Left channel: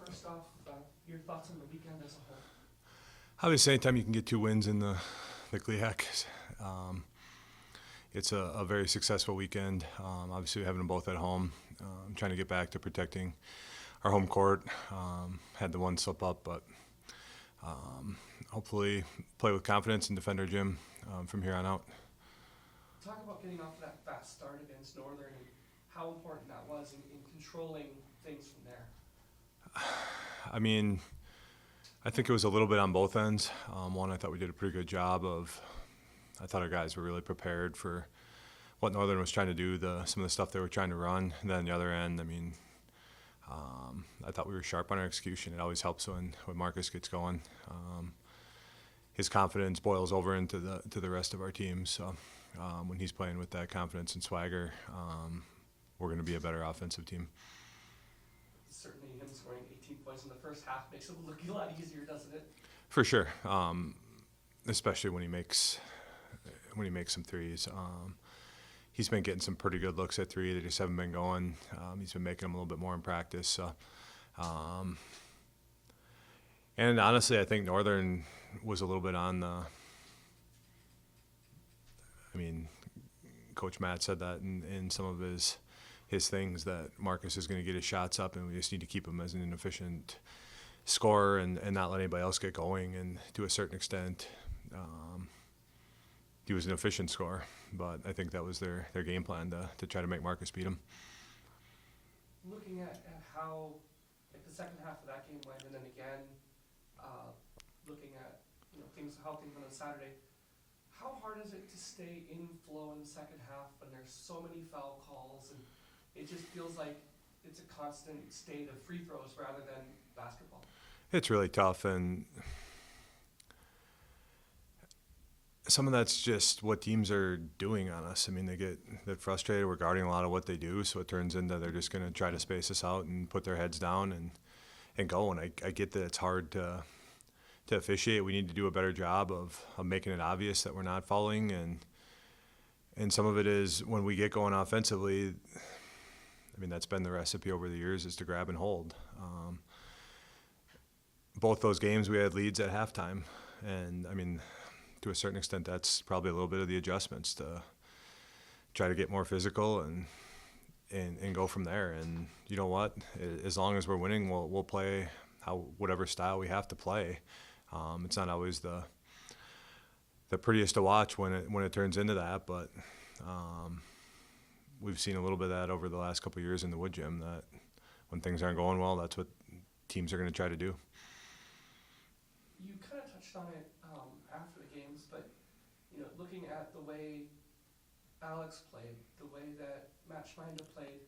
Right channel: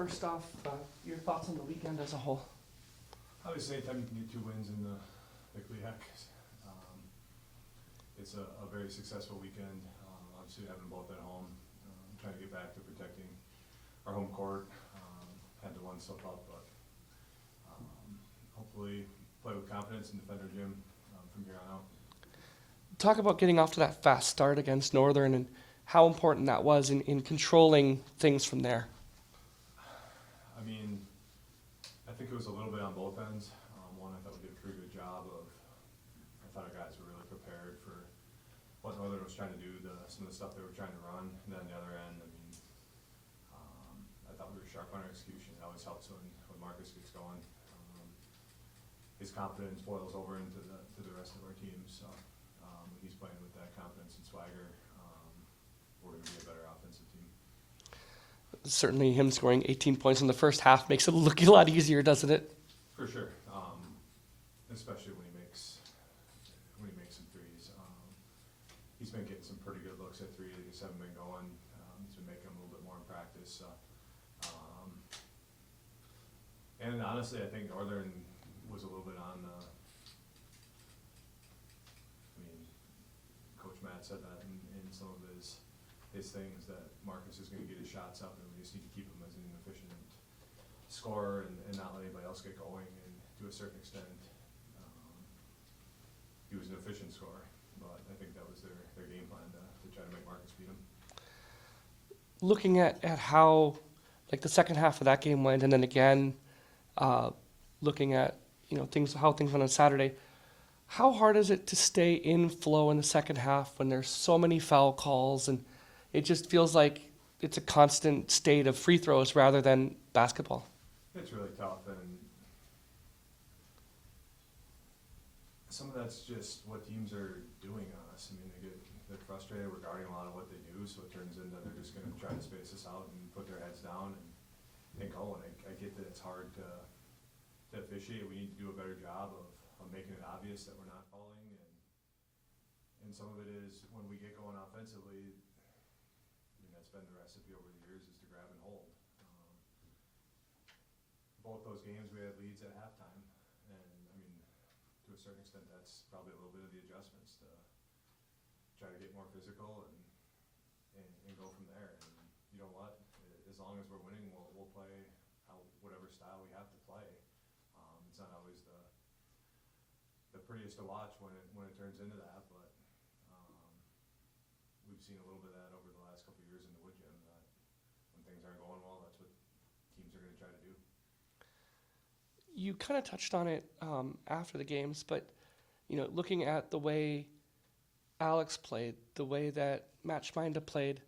first off, your thoughts on the weekend as a whole? Obviously, anytime you can get 2 wins in the GLIAC, it's a very successful weekend. Obviously, having them both at home, trying to get back to protecting our home court. Had the one slip up, but hopefully play with confidence and defend our gym from here on out. Talk about getting off to that fast start against Northern and how important that was in controlling things from there. I mean, I think it was a little bit on both ends. One, I thought we did a pretty good job I thought our guys were really prepared for what Northern was trying to do, some of the stuff they were trying to run. And then on the other end, I mean, I thought we were sharp on our execution. It always helps when Marcus gets going. His confidence boils over into the rest of our team. So when he's playing with that confidence and swagger, we're going to be a better offensive team. Certainly him scoring 18 points in the first half makes it look a lot easier, doesn't it? For sure, especially when he makes some threes. He's been getting some pretty good looks at three. They just haven't been going. He's been making them a little bit more in practice. So, and honestly, I think Northern was a little bit on the. I mean, Coach Matt said that in some of his things, that Marcus is going to get his shots up, and we just need to keep him as an efficient scorer and not let anybody else get going. And to a certain extent, he was an efficient scorer, but I think that was their game plan to try to make Marcus beat him. Looking at how the second half of that game went, and then again looking at how things went on Saturday, how hard is it to stay in flow in the second half when there's so many foul calls and it just feels like it's a constant state of free throws rather than basketball? It's really tough, and some of that's just what teams are doing on us. I mean, they're frustrated. We're guarding a lot of what they do, so it turns into they're just going to try to space us out and put their heads down and go. And I get that it's hard to officiate. We need to do a better job of making it obvious that we're not fouling, and some of it is when we get going offensively. I mean, that's been the recipe over the years, is to grab and hold. Both those games we had leads at halftime, and I mean, to a certain extent, that's probably a little bit of the adjustments to try to get more physical and go from there. And you know what? As long as we're winning, we'll play whatever style we have to play. It's not always the prettiest to watch when it turns into that, but we've seen a little bit of that over the last couple of years in the Wood Gym, that when things aren't going well, that's what teams are going to try to do. You kind of touched on it after the games, but looking at the way Alex played, the way that Matt Schminda played,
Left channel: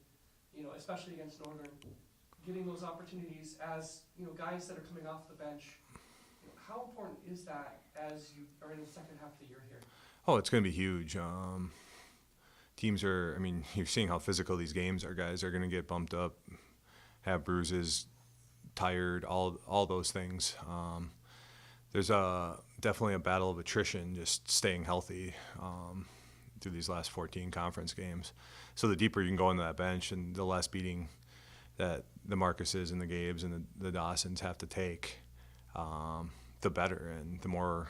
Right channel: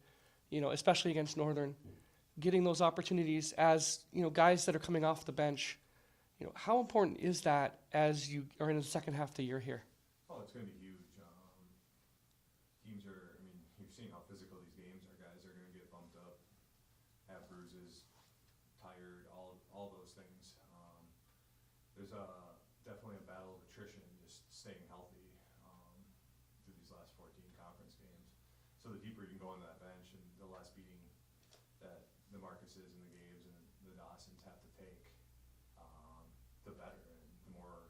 especially against Northern, getting those opportunities as guys that are coming off the bench, how important is that as you are in the second half of the year here? Oh, it's going to be huge. Teams are, I mean, you're seeing how physical these games are. Guys are going to get bumped up, have bruises, tired, all those things. There's definitely a battle of attrition, just staying healthy through these last 14 conference games. So the deeper you can go into that bench and the less beating that the Marcuses and the Gabes and the Dawsons have to take, the better. And the more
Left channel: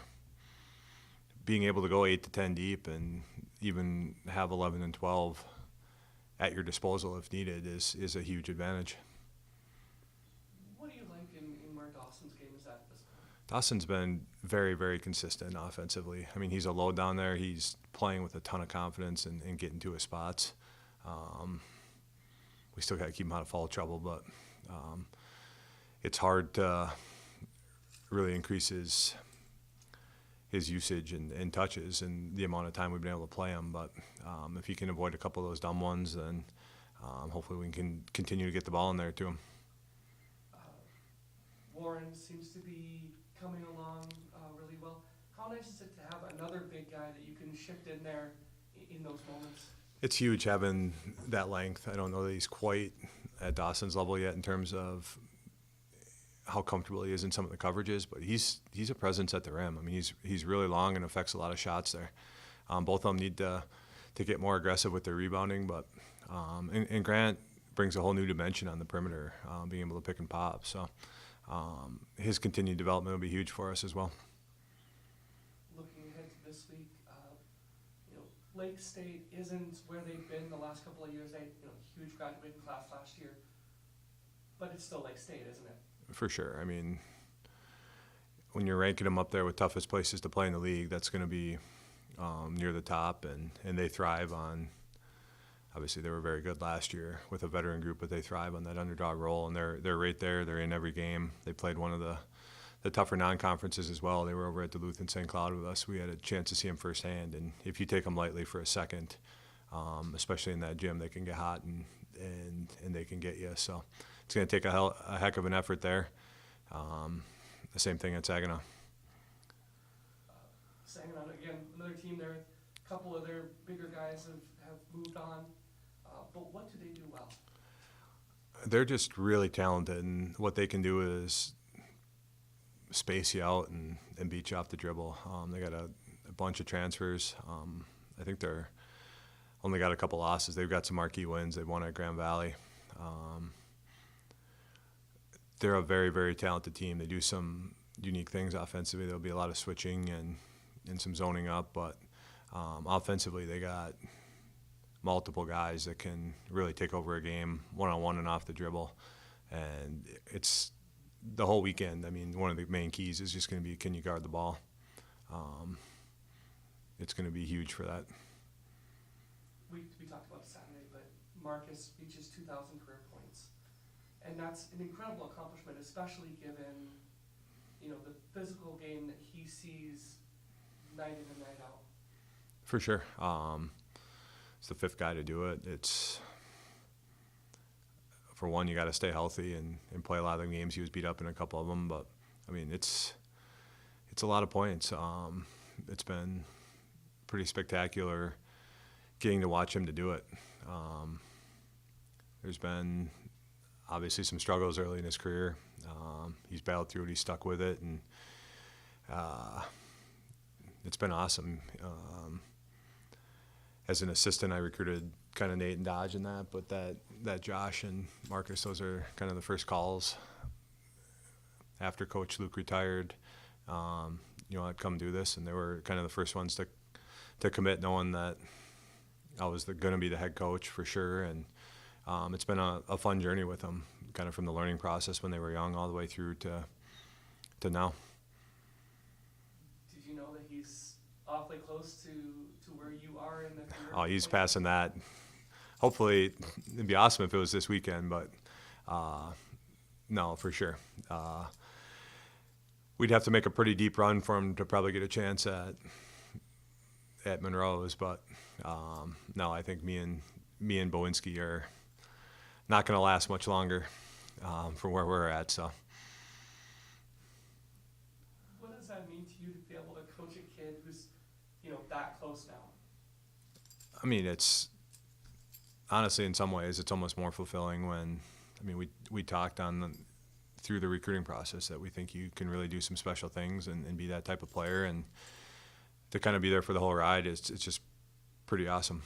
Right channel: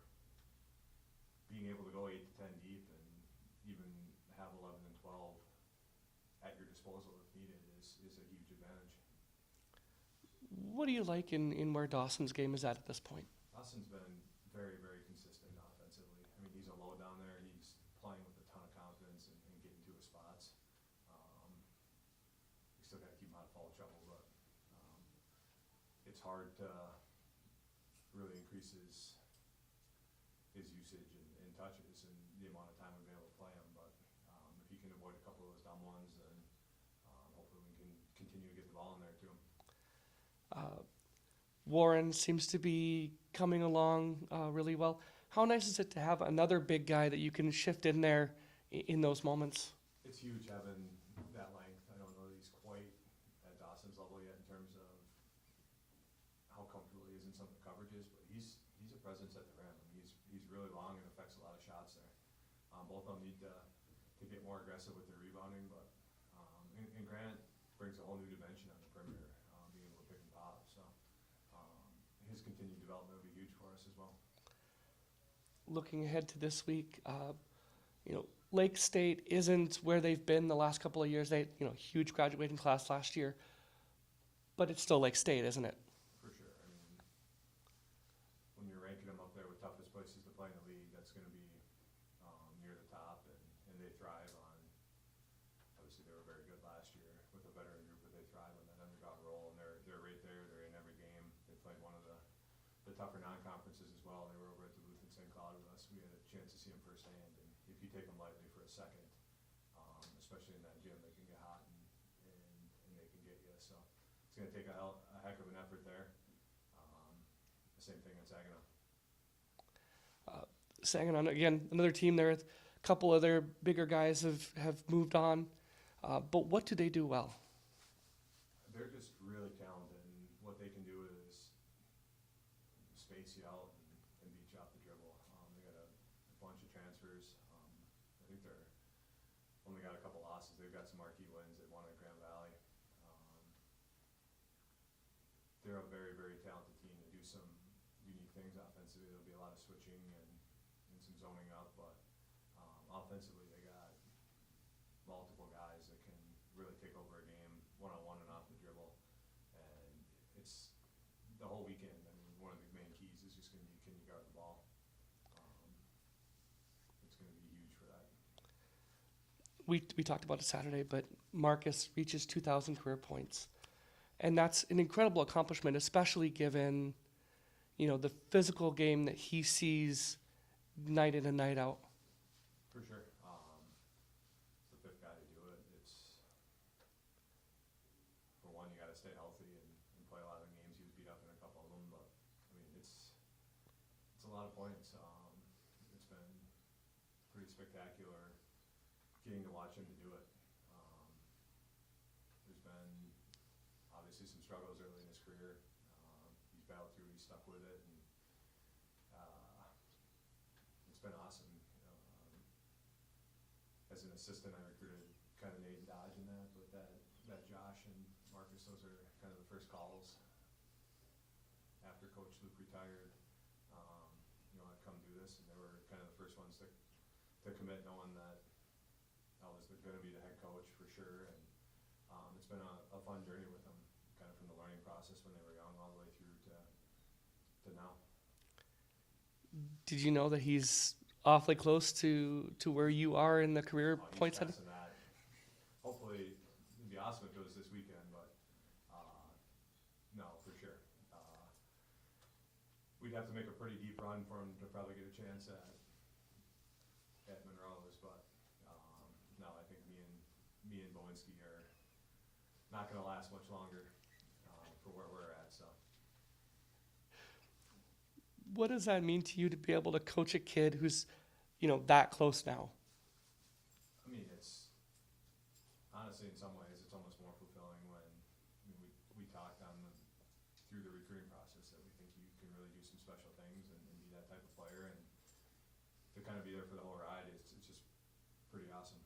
being able to go 8 to 10 deep and even have 11 and 12 at your disposal if needed is a huge advantage. What do you like in where Dawson's game is at this point? Dawson's been very, very consistent offensively. I mean, he's a load down there. He's playing with a ton of confidence and getting to his spots. We still got to keep him out of foul trouble, but it's hard to really increase his usage and touches and the amount of time we've been able to play him. But if he can avoid a couple of those dumb ones, then hopefully we can continue to get the ball in there to him. Warren seems to be coming along really well. How nice is it to have another big guy that you can shift in there in those moments? It's huge having that length. I don't know that he's quite at Dawson's level yet in terms of how comfortable he is in some of the coverages, but he's a presence at the rim. I mean, he's really long and affects a lot of shots there. Both of them need to get more aggressive with their rebounding, but and Grant brings a whole new dimension on the perimeter, being able to pick and pop. So his continued development will be huge for us as well. Looking ahead to this week, Lake State isn't where they've been the last couple of years. They, huge graduating class last year, but it's still Lake State, isn't it? For sure. I mean, when you're ranking them up there with toughest places to play in the league, that's going to be near the top, and they thrive on. Obviously, they were very good last year with a veteran group, but they thrive on that underdog role, and they're right there. They're in every game. They played one of the tougher non-conferences as well. They were over at Duluth and St. Cloud with us. We had a chance to see them firsthand, and if you take them lightly for a second, especially in that gym, they can get hot and they can get you. So it's going to take a heck of an effort there. The same thing at Saginaw. Saginaw, again, another team there. A couple of their bigger guys have moved on. But what do they do well? They're just really talented, and what they can do is space you out and beat you off the dribble. They got a bunch of transfers. I think they're only got a couple losses. They've got some marquee wins. They've won at Grand Valley. They're a very, very talented team. They do some unique things offensively. There'll be a lot of switching and some zoning up, but offensively they got multiple guys that can really take over a game one-on-one and off the dribble. And it's the whole weekend. I mean, one of the main keys is just going to be, can you guard the ball? It's going to be huge for that. We talked about it Saturday, but Marcus reaches 2,000 career points. And that's an incredible accomplishment, especially given, the physical game that he sees night in and night out. For sure. It's the fifth guy to do it. It's, for one, you got to stay healthy and play a lot of the games. He was beat up in a couple of them, but I mean, it's a lot of points. It's been pretty spectacular getting to watch him to do it. There's been obviously some struggles early in his career. He's battled through it. He's stuck with it, and it's been awesome. As an assistant, I recruited kind of Nate and Dodge in that, but that Josh and Marcus, those are kind of the first calls after Coach Luke retired. I'd come do this, and they were kind of the first ones to commit, knowing that I was going to be the head coach for sure. And it's been a fun journey with them, kind of from the learning process when they were young all the way through to now. Did you know that he's awfully close to where you are in the career? Oh, he's passing that. Hopefully, it'd be awesome if it was this weekend, but no, for sure. We'd have to make a pretty deep run for him to probably get a chance at Monroe's, but no, I think me and Bowinski are not going to last much longer from where we're at. So, what does that mean to you to be able to coach a kid who's, that close now? I mean, it's honestly, in some ways, it's almost more fulfilling when, we talked through the recruiting process that we think you can really do some special things and be that type of player, and to kind of be there for the whole ride, it's just pretty awesome.